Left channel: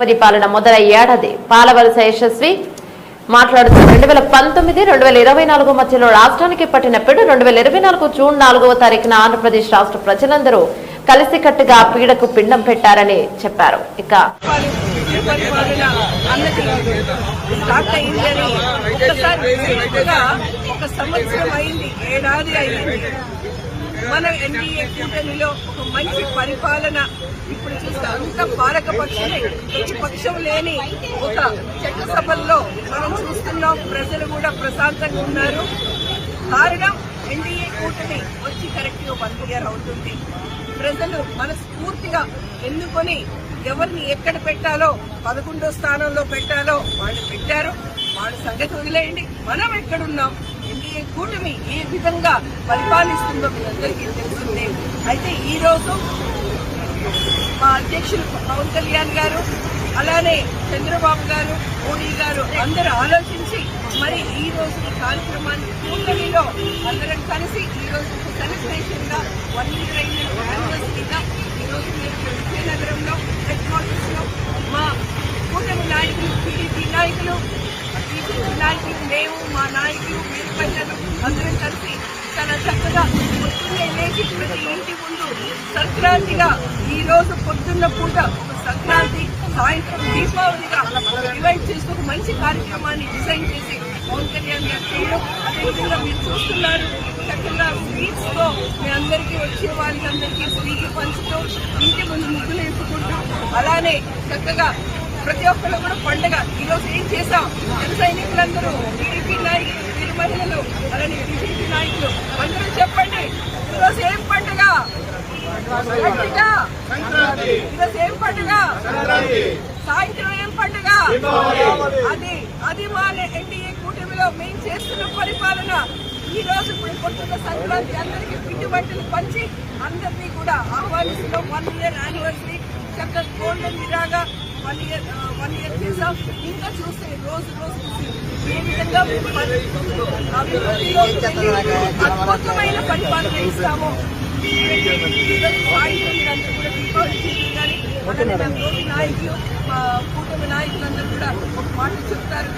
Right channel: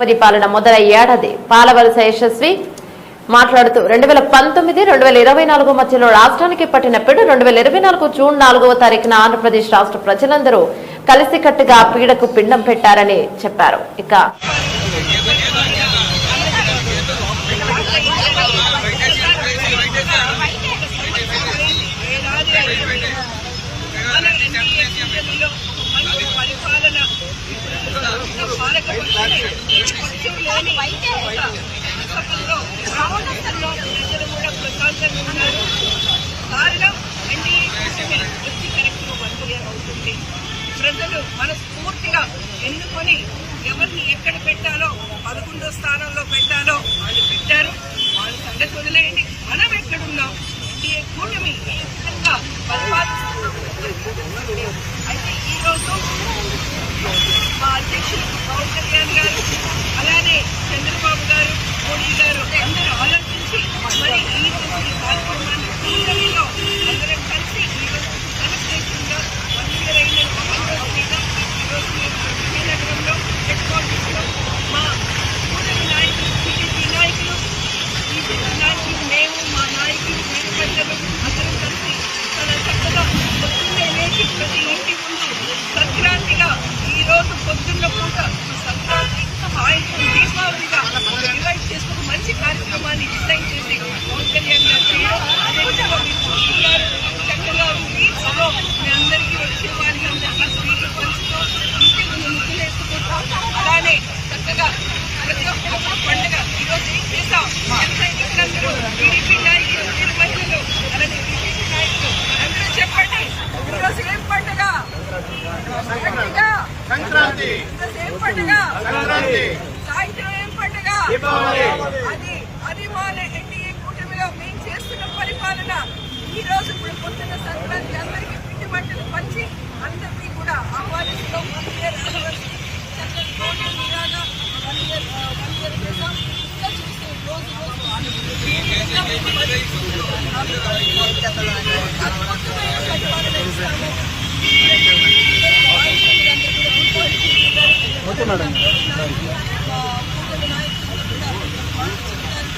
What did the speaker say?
పరిపాలన మొదలయ్యేడాది పాలవలస యశస్వి మాట్లాడుతూ రెండు వేల పంతొమ్మిది రెండు వేల ఇరవై నాలుగు మధ్యలో రాష్ట్రానికి పట్టిన పిడు రెండు వేల ఇరవై నాలుగు జూన్ నాలుగవ తారీఖున ఆంధ్రప్రదేశ్ రాష్ట్ర ప్రజలందరూ కలిసికట్టుగా పీడకు పిండం పెట్టారని చెప్పారు. ఇక మన ఎన్డీఏ కూటమిలో ఒక మంచి పరిపాలన ఇప్పుడు అంత పాలకపక్షమే ప్రతిపక్షం లేని చట్టసభల్లో మనం ప్రజలు కూడా ప్రశాంతంగా ఉన్నారు కారణం ఎన్డీఏ కూటమి వచ్చి కరెక్ట్గా వన్ ఇయర్ అవుతుంది. ప్రజలు మనస్ఫూర్తిగా ఎన్నుకొని ఎవరిని ఎక్కడ పెట్టాలో పదకొండో స్థానంలో పెట్టాలో వాళ్ళు పెట్టారు. వాళ్ళ సంగతి వదిలేయండి. మనం ఎక్కడున్నాం? ఎన్డీఏ కూటమి ఏ విధంగా పరిపాలిస్తుందో మీ అందరికీ తెలిసిందే. అయితే ఈ రోజు మా అధ్యక్షులు పవన్ కళ్యాణ్ గారు అలానే చంద్రబాబు గారు మోడీ గారు అందరూ ఆలోచించి మరి ఈ రోజు ఈ కార్యక్రమాన్ని కూటమిలో అందరం కలిసి ఈ రోజు సెలబ్రేషన్గా వన్ ఇయర్ అయిన యానివర్సరీగా ఈ రోజు విజయనగరంలో హెడ్ క్వార్టర్స్లో మా కూటమి నాయకులు టీడీపీ నాయకులు బీజేపీ నాయకులు మేము మా నాయకులు వీరు మహిళలు అందరం కలిసి చాలా చక్కగా పొద్దున్నే లేచి ప్రతి ఇంటి ముందు సంక్రాంతిగా ఈ రోజు పొద్దున్న పూట ఒక సంక్రాంతి సాయంత్రం దీపావళిగా ఒక డివైడ్ చేసి ఒక మంచి కార్యక్రమాన్ని డిజైన్ చేసి పవన్ కళ్యాణ్ గారు చేయడం. అదేవిధంగా మీరు చూస్తున్నారు చక్కగా స్వీట్స్లో మీ అందరికీ వచ్చే వారికి అందరికీ స్వీట్లు పంచుతూ ఇంటి ముందు ముగ్గులు వేసుకుంటాం అలానే చక్కగా ప్రతి ఒక్కరు కూడా పండుగ. ఈరోజు ఏం చేశాం? సైనికులందరూ టీడీపీ నాయకులు వీరు మహిళలు అలానే బీజేపీ నాయకులు అందరూ చెప్పండి. ఈ రోజు ఏం పండుగ? గట్టిగా. ఈ రోజు ఏం పండుగ? సాయంత్రం ఏం పండుగ? అది అది మా ఎన్డీఏ కూటమిలో మేము చేస్తున్న పరిపాలన. ఈ రోజు ఇప్పుడు పొద్దున్న సంక్రాంతి అందరికీ పిండి వంటలు పంచి అందరినీ కూడా ఆహ్వానిస్తున్నాం. వన్ ఇయర్ యానివర్సరీ చక్కగా గోల్డెన్ ఇలాగా వన్ ఇయర్ వన్ ఇయర్ ఇంకా చూస్తే రోజు రోజు ఏ విధంగా అభివృద్ధిలోకి వెళ్ళి అద్భుతమైన పరిపాలన ఇస్తాము. మీరందరూ కూడా నాయకులు కూటమి నాయకులందరూ కూడా ఒక మాట చెప్తారు.